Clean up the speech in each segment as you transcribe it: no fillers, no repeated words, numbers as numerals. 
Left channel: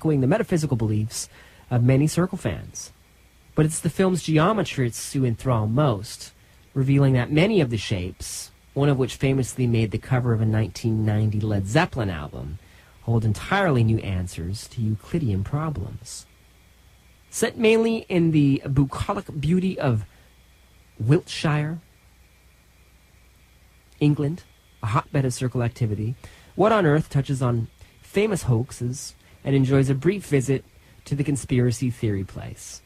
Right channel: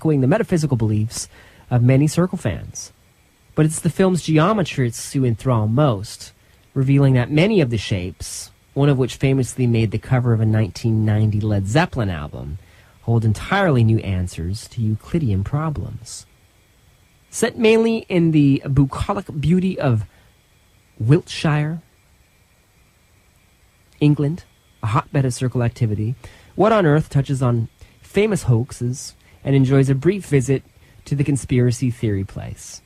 echoing the metaphysical beliefs of many Circle fans. But it's the film's geometry it's to enthrall most, revealing that many of the shapes, one of which famously made the cover of a 1990 Led Zeppelin album, hold entirely new answers to Euclidean problems. Set mainly in the bucolic beauty of Wiltshire, England, a hotbed of Circle activity, What on Earth touches on famous hoaxes and enjoys a brief visit to the conspiracy theory place.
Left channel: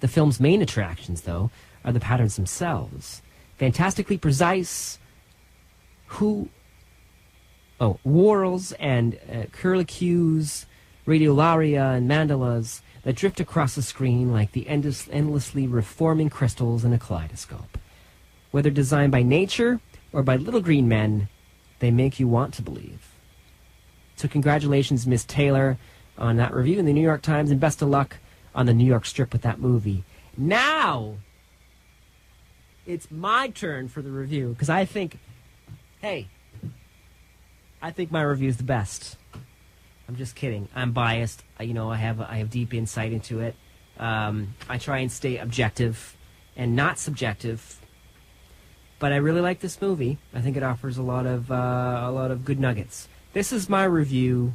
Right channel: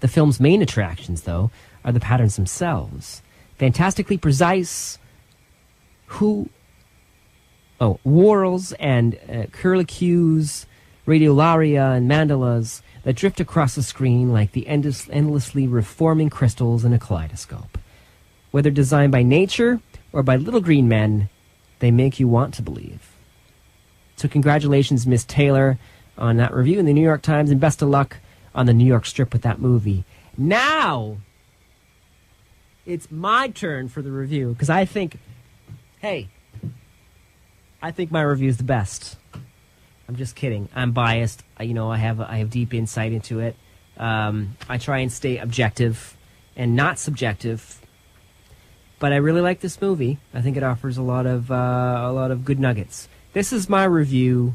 The film's main attractions, though, are the patterns themselves. Fantastically precise whorls and curlicues, radiolaria and mandalas that drift across the screen like the endlessly reforming crystals in a kaleidoscope. Whether designed by nature or by little green men, they make you want to believe. So congratulations, Miss Taylor, on that review in the New York Times, and best of luck on the New York Strip with that movie. Now, it's my turn for the review, because I think my review is the best. I'm just kidding. I'm biased. I have deep insight into it. I try and stay objective and not subjective. But I really like this movie. I think it offers a lot of good nuggets. This is my review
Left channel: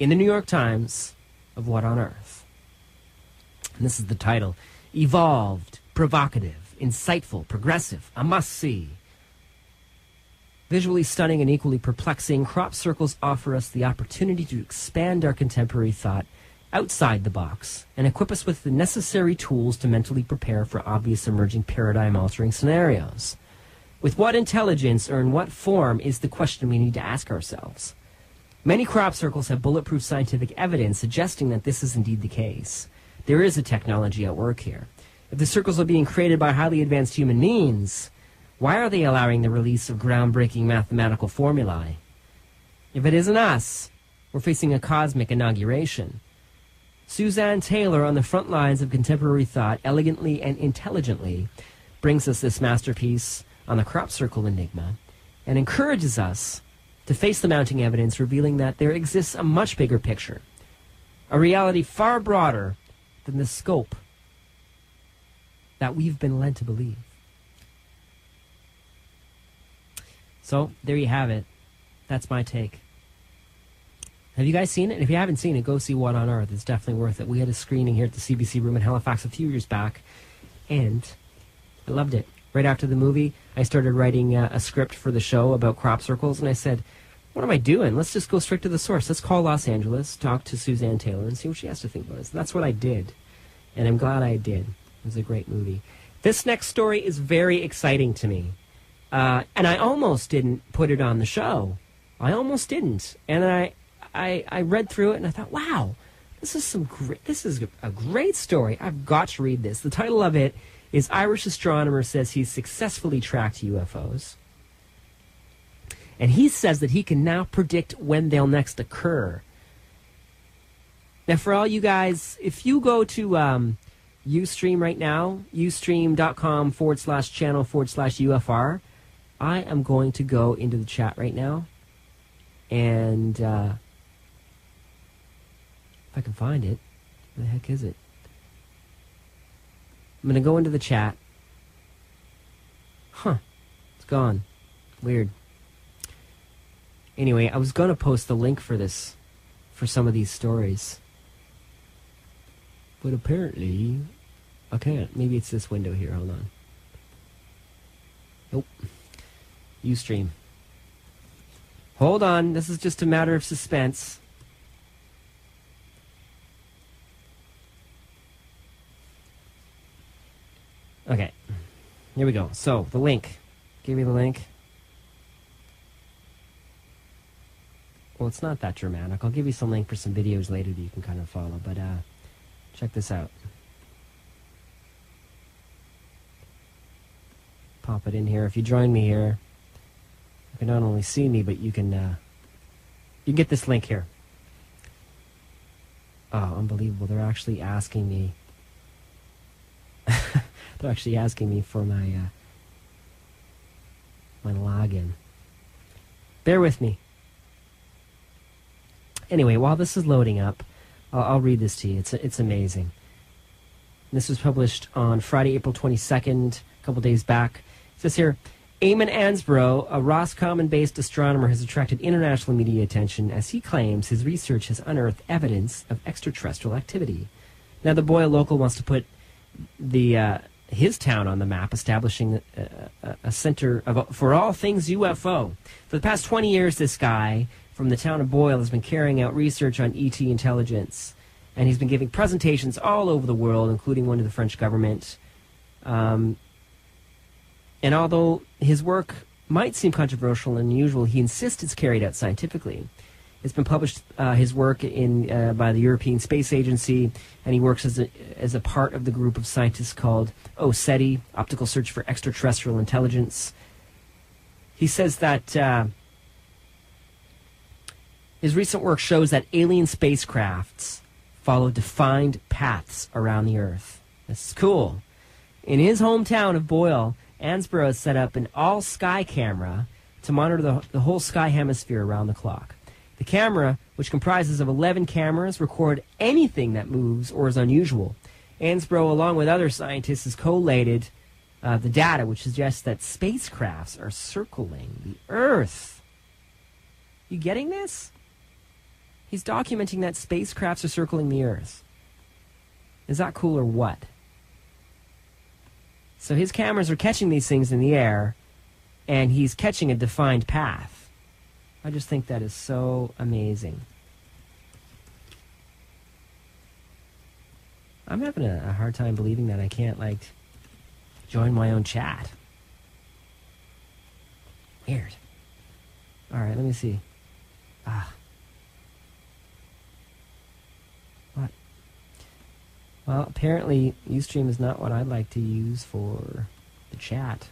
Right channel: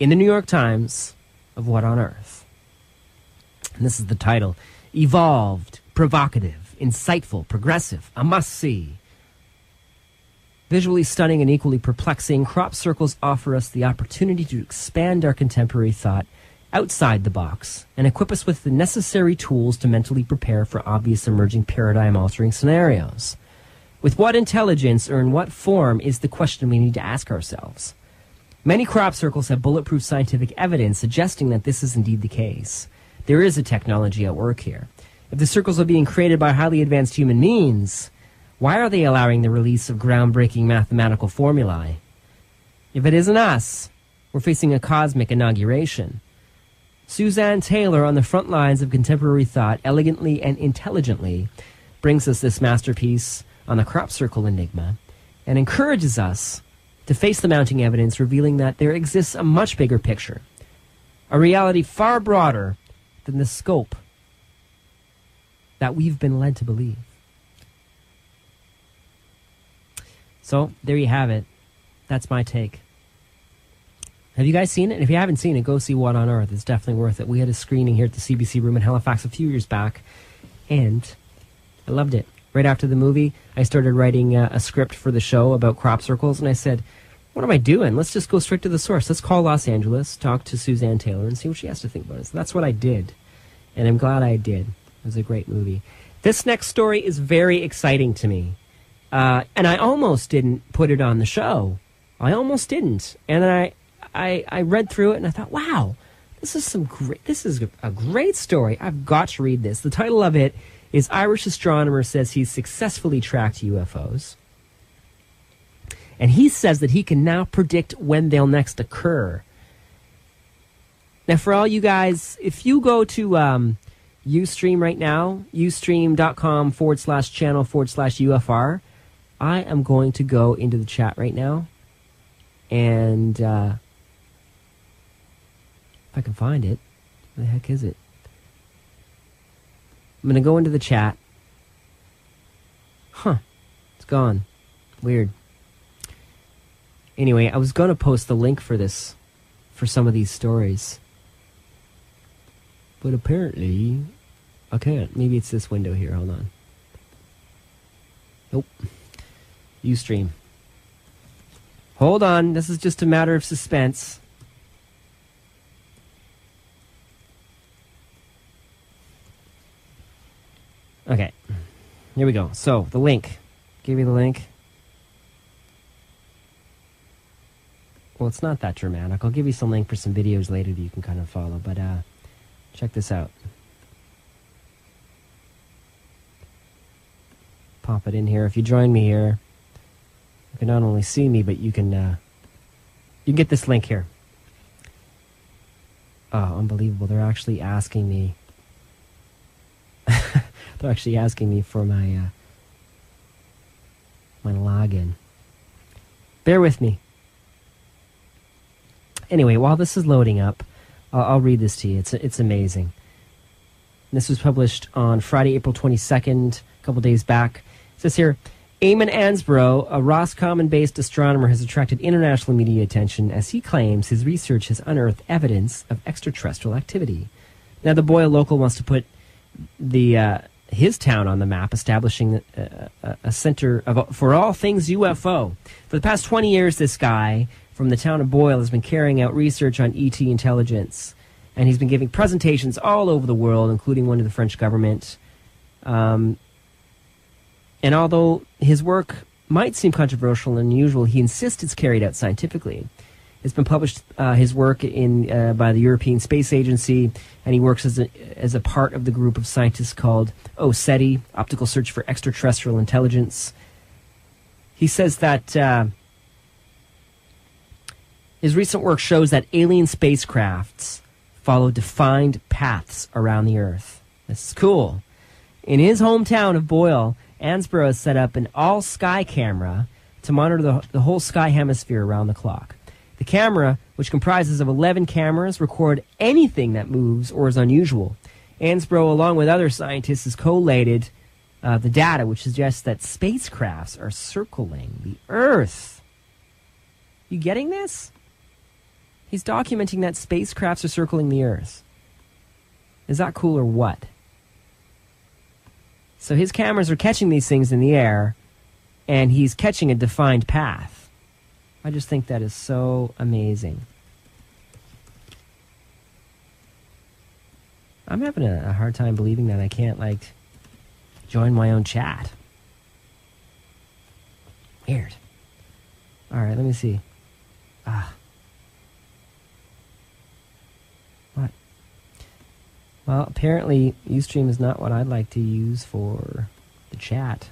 in the New York Times of What on Earth. And this is the title: Evolved, provocative, insightful, progressive, a must-see. Visually stunning and equally perplexing, crop circles offer us the opportunity to expand our contemporary thought outside the box and equip us with the necessary tools to mentally prepare for obvious emerging paradigm-altering scenarios. With what intelligence or in what form is the question we need to ask ourselves. Many crop circles have bulletproof scientific evidence suggesting that this is indeed the case. There is a technology at work here. If the circles are being created by highly advanced human means, why are they allowing the release of groundbreaking mathematical formulae? If it isn't us, we're facing a cosmic inauguration. Suzanne Taylor, on the front lines of contemporary thought, elegantly and intelligently brings us this masterpiece on the crop circle enigma and encourages us to face the mounting evidence revealing that there exists a much bigger picture, a reality far broader than the scope that we've been led to believe. So, there you have it. That's my take. Have you guys seen it? If you haven't seen it, go see What on Earth. It's definitely worth it. We had a screening here at the CBC Room in Halifax a few years back, and I loved it. Right after the movie, I started writing a script for the show about crop circles, and I said, what am I doing? Let's just go straight to the source. Let's call Los Angeles, talk to Suzanne Taylor, and see what she has to think about it. So that's what I did, and I'm glad I did. It was a great movie. This next story is very exciting to me, and I almost didn't put it on the show. I almost didn't, and then I read through it and I thought, wow, this is a great story. I've got to read this. The title of it is Irish Astronomer Says He's Successfully Tracked UFOs. And he says that he can now predict when they'll next occur. Now, for all you guys, if you go to Ustream right now, ustream.com/channel/UFR, I am going to go into the chat right now. And if I can find it, where the heck is it? I'm going to go into the chat. Huh. It's gone. Weird. Anyway, I was going to post the link for this, for some of these stories. But apparently, I can't. Maybe it's this window here. Hold on. Nope. Ustream. Hold on. This is just a matter of suspense. Okay. Here we go. So, the link. Give you the link. Well, it's not that dramatic. I'll give you some link for some videos later that you can kind of follow. But check this out. Pop it in here. If you join me here, you can not only see me, but you can get this link here. Oh, unbelievable. They're actually asking me. They're actually asking me for my login. Bear with me. Anyway, while this is loading up, I'll read this to you. It's amazing. This was published on Friday, April 22nd, a couple days back. It says here, Eamon Ansbro, a Roscommon-based astronomer, has attracted international media attention as he claims his research has unearthed evidence of extraterrestrial activity. Now, the Boyle local wants to put his town on the map, establishing a center for all things UFO. For the past 20 years, this guy from the town of Boyle has been carrying out research on ET intelligence, and he's been giving presentations all over the world, including one to the French government. And although his work might seem controversial and unusual, he insists it's carried out scientifically. It's been published, his work by the European Space Agency, and he works as a part of the group of scientists called OSETI, Optical Search for Extraterrestrial Intelligence. He says that his recent work shows that alien spacecrafts follow defined paths around the Earth. This is cool. In his hometown of Boyle, Ansbro has set up an all-sky camera to monitor the whole sky hemisphere around the clock. The camera, which comprises of 11 cameras, record anything that moves or is unusual. Ansbro, along with other scientists, has collated the data, which suggests that spacecrafts are circling the Earth. You getting this? He's documenting that spacecrafts are circling the Earth. Is that cool or what? So his cameras are catching these things in the air, and he's catching a defined path. I just think that is so amazing. I'm having a hard time believing that I can't, like, join my own chat. Weird. All right, let me see. What? Well, apparently Ustream is not what I'd like to use for the chat.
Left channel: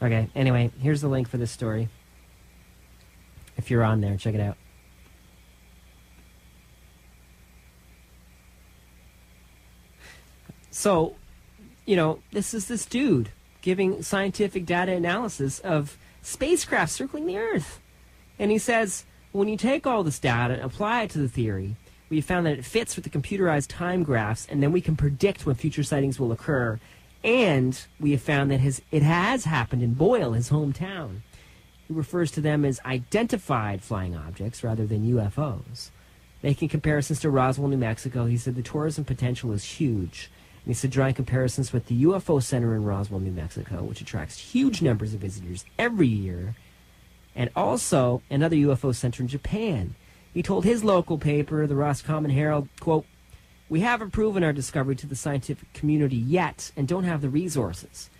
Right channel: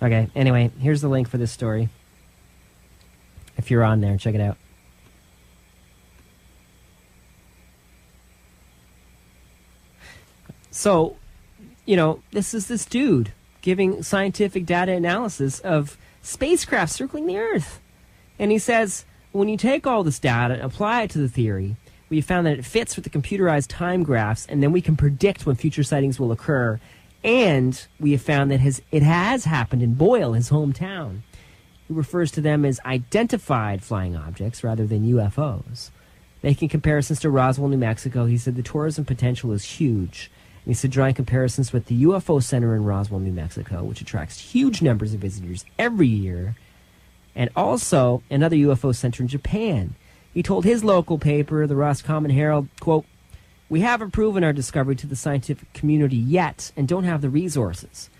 Okay, anyway, here's the link for this story. If you're on there, check it out. So, you know, this is this dude giving scientific data analysis of spacecraft circling the Earth. And he says, when you take all this data and apply it to the theory, we found that it fits with the computerized time graphs, and then we can predict when future sightings will occur. And we have found that it has happened in Boyle, his hometown. He refers to them as identified flying objects rather than UFOs. Making comparisons to Roswell, New Mexico, he said the tourism potential is huge. And he said drawing comparisons with the UFO Center in Roswell, New Mexico, which attracts huge numbers of visitors every year, and also another UFO center in Japan. He told his local paper, the Roscommon Herald, quote, "We haven't proven our discovery to the scientific community yet and don't have the resources.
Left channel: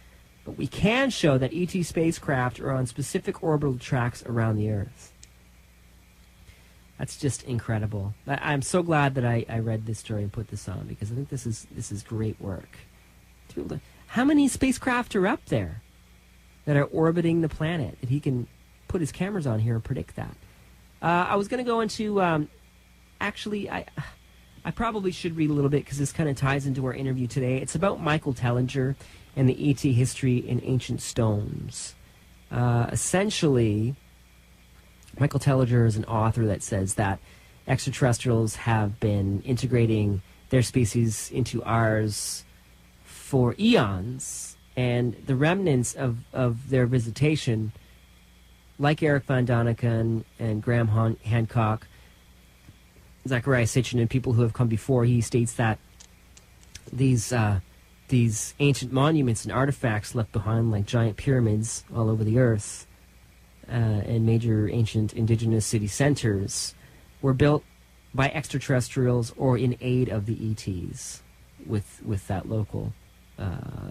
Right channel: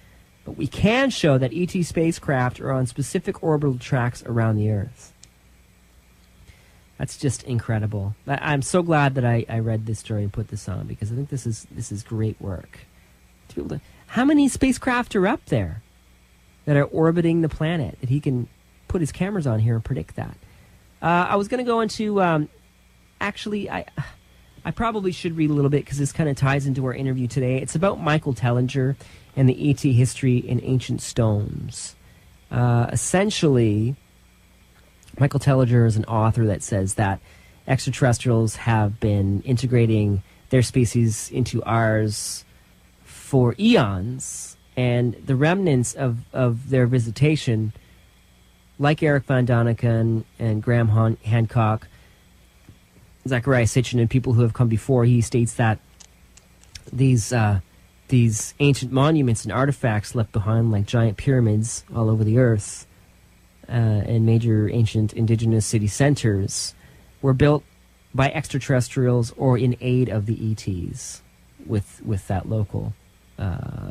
But we can show that ET spacecraft are on specific orbital tracks around the Earth." That's just incredible. I'm so glad that I read this story and put this on, because I think this is great work. How many spacecraft are up there that are orbiting the planet that he can put his cameras on here and predict that? I was going to go into, actually, I probably should read a little bit because this kind of ties into our interview today. It's about Michael Tellinger and the ET history in ancient stones. Essentially, Michael Tellinger is an author that says that extraterrestrials have been integrating their species into ours for eons, and the remnants of their visitation, like Eric Von Daniken and Graham Hancock, Zechariah Sitchin, and people who have come before, he states that these ancient monuments and artifacts left behind, like giant pyramids all over the Earth, and major ancient indigenous city centers, were built by extraterrestrials or in aid of the ETs with that local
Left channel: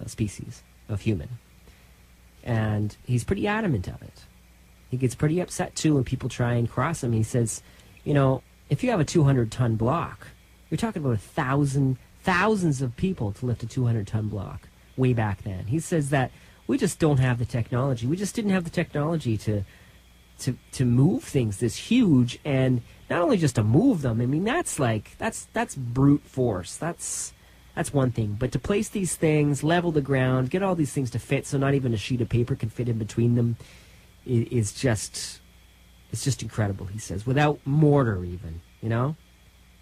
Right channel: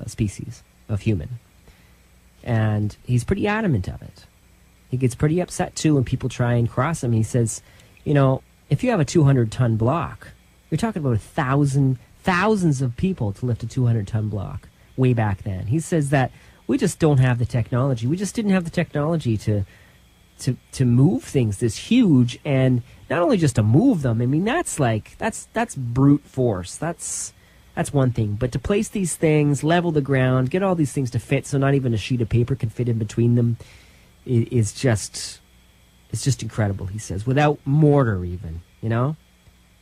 species of human. And he's pretty adamant of it. He gets pretty upset, too, when people try and cross him. He says, you know, if you have a 200-ton block, you're talking about thousands of people to lift a 200-ton block way back then. He says that we just don't have the technology. We just didn't have the technology to move things this huge, and not only just to move them. I mean, that's brute force. That's that's one thing. But to place these things, level the ground, get all these things to fit so not even a sheet of paper can fit in between them, it's just incredible, he says. Without mortar even, you know?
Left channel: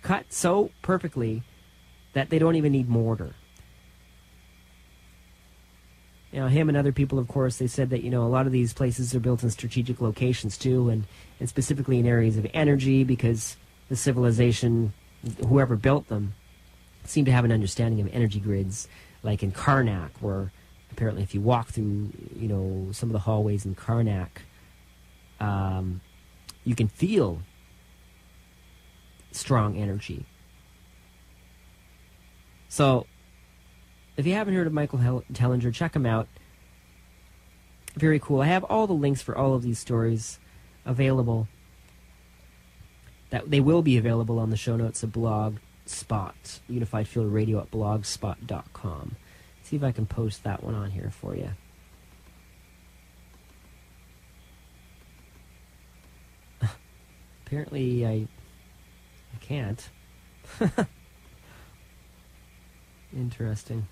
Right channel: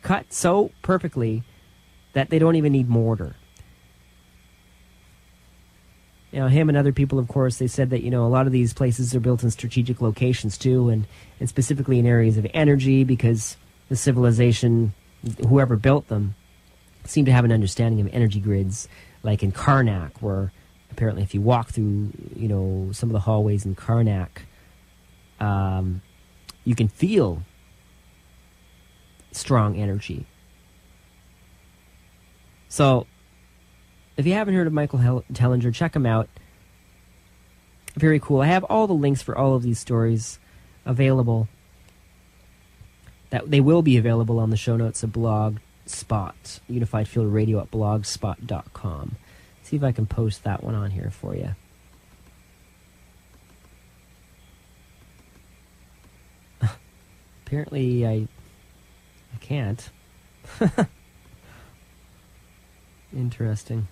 Cut so perfectly that they don't even need mortar. You know, him and other people, of course, they said that, you know, a lot of these places are built in strategic locations too, and specifically in areas of energy, because the civilization, whoever built them, seemed to have an understanding of energy grids, like in Karnak, where apparently if you walk through, you know, some of the hallways in Karnak, you can feel strong energy. So, if you haven't heard of Michael Tellinger, check him out. Very cool. I have all the links for all of these stories available. That they will be available on the show notes of Blogspot, Unified Field Radio at blogspot.com. See if I can post that one on here for you. Apparently, I can't. Interesting.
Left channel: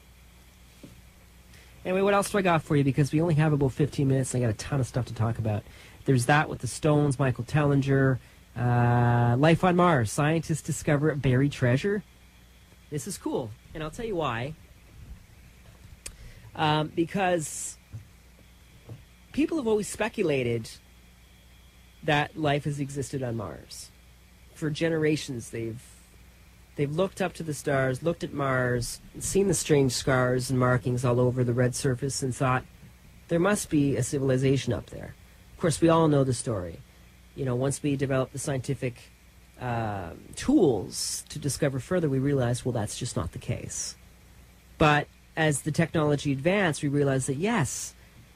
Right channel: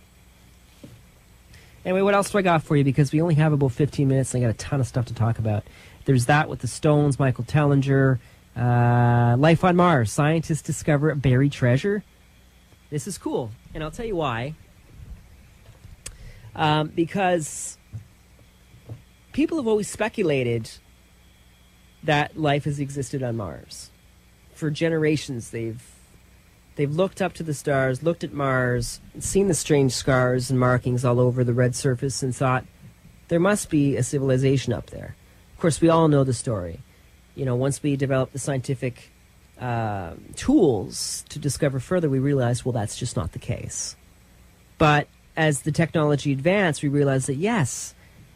Anyway, what else do I got for you? Because we only have about 15 minutes, and I got a ton of stuff to talk about. There's that with the Stones, Michael Tellinger. Life on Mars. Scientists discover a buried treasure. This is cool, and I'll tell you why. Because people have always speculated that life has existed on Mars. For generations, they've looked up to the stars, looked at Mars, seen the strange scars and markings all over the red surface, and thought, there must be a civilization up there. Of course, we all know the story. You know, once we developed the scientific tools to discover further, we realized, well, that's just not the case. But as the technology advanced, we realized that, yes,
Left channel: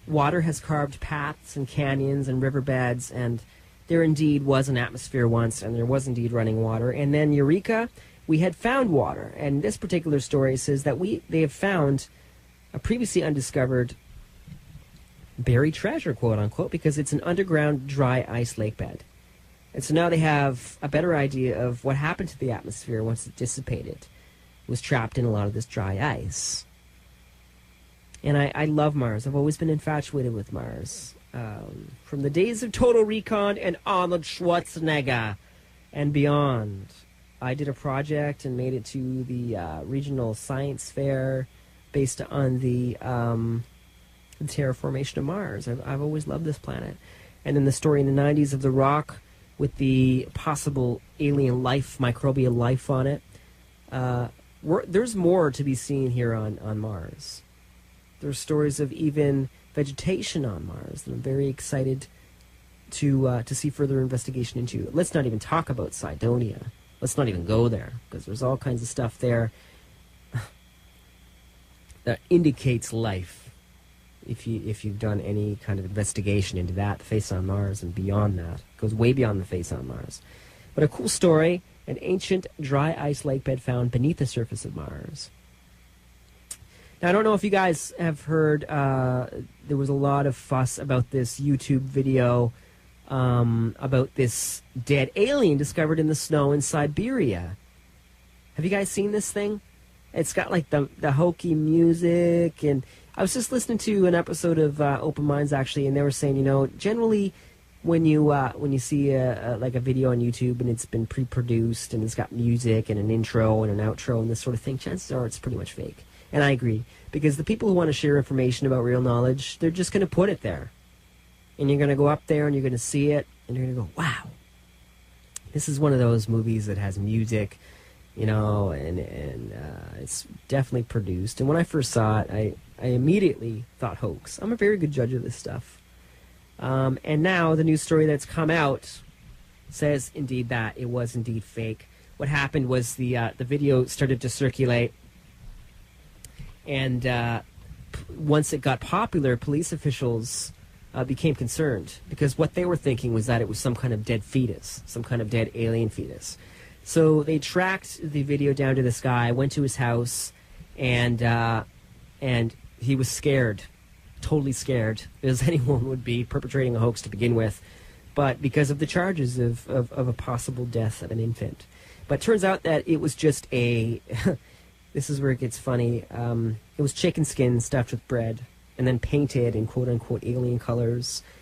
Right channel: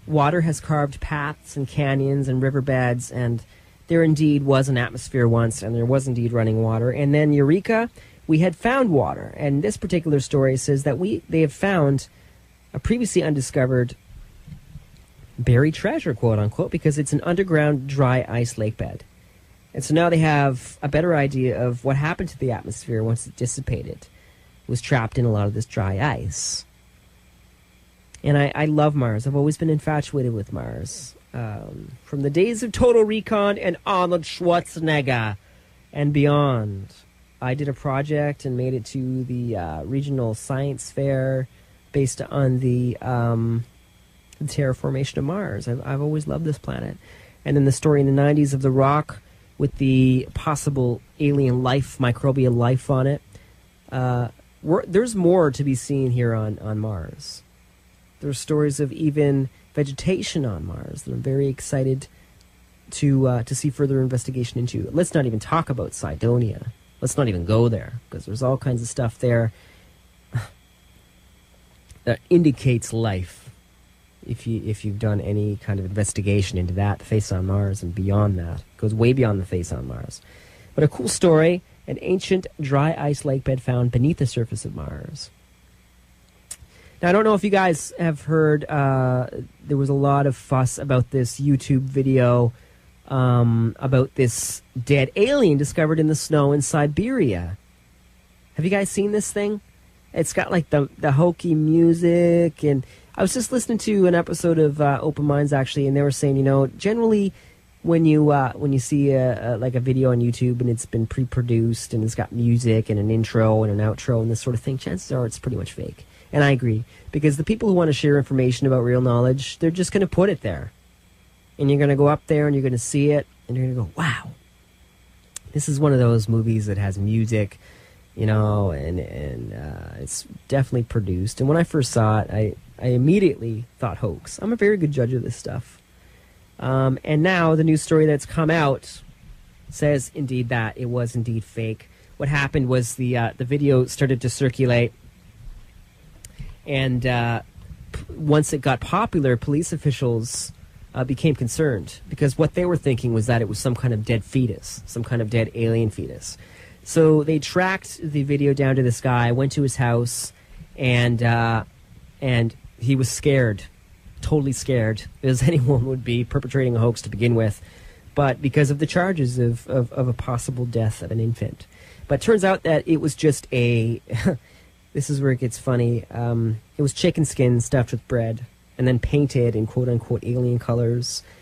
water has carved paths and canyons and riverbeds, and there indeed was an atmosphere once, and there was indeed running water. And then, eureka, we had found water. And this particular story says that they have found a previously undiscovered buried treasure, quote unquote, because it's an underground dry ice lake bed. And so now they have a better idea of what happened to the atmosphere once it dissipated. It was trapped in a lot of this dry ice. And I love Mars. I've always been infatuated with Mars. From the days of Total Recon and Arnold Schwarzenegger and beyond. I did a project and made it to the regional science fair based on the terraformation of Mars. I've always loved this planet. And then the story in the 90s of the rock with the possible alien life, microbial life on it. There's more to be seen here on Mars. There's stories of even vegetation on Mars that I'm very excited to see further investigation into. Let's not even talk about Cydonia. Let's not even go there, because there's all kinds of stuff there that indicates life. If you've done any kind of investigation into that, the face on Mars and beyond that, it goes way beyond the face on Mars. But a cool story: an ancient dry ice lake bed found beneath the surface of Mars. Now, I don't know if you guys have heard, there was a lot of fuss about this YouTube video about this dead alien discovered in the snow in Siberia. Have you guys seen this thing? It's got like the hokey music, and I was just listening to an episode of Open Minds actually, and they were saying, you know, generally when you see like a video on YouTube and it's been pre-produced and it's got music and an intro and an outro and this sort of thing, chances are it's pretty much fake. And I agree, because the people who want to share information about real knowledge, they're just going to put it there. And you're going to go up there and you're going to see it and you're going to go, wow. This is one of those movies that has music, you know, and it's definitely produced. And when I first saw it, I immediately thought hoax. I'm a very good judge of this stuff. And now the new story that's come out says indeed that it was indeed fake. What happened was the video started to circulate, and once it got popular, police officials became concerned, because what they were thinking was that it was some kind of dead fetus, some kind of dead alien fetus. So they tracked the video down to this guy, went to his house, and he was scared. Totally scared, as anyone would be perpetrating a hoax to begin with, but because of the charges of a possible death of an infant. But it turns out that it was just this This is where it gets funny. It was chicken skin stuffed with bread and then painted in quote-unquote alien colors.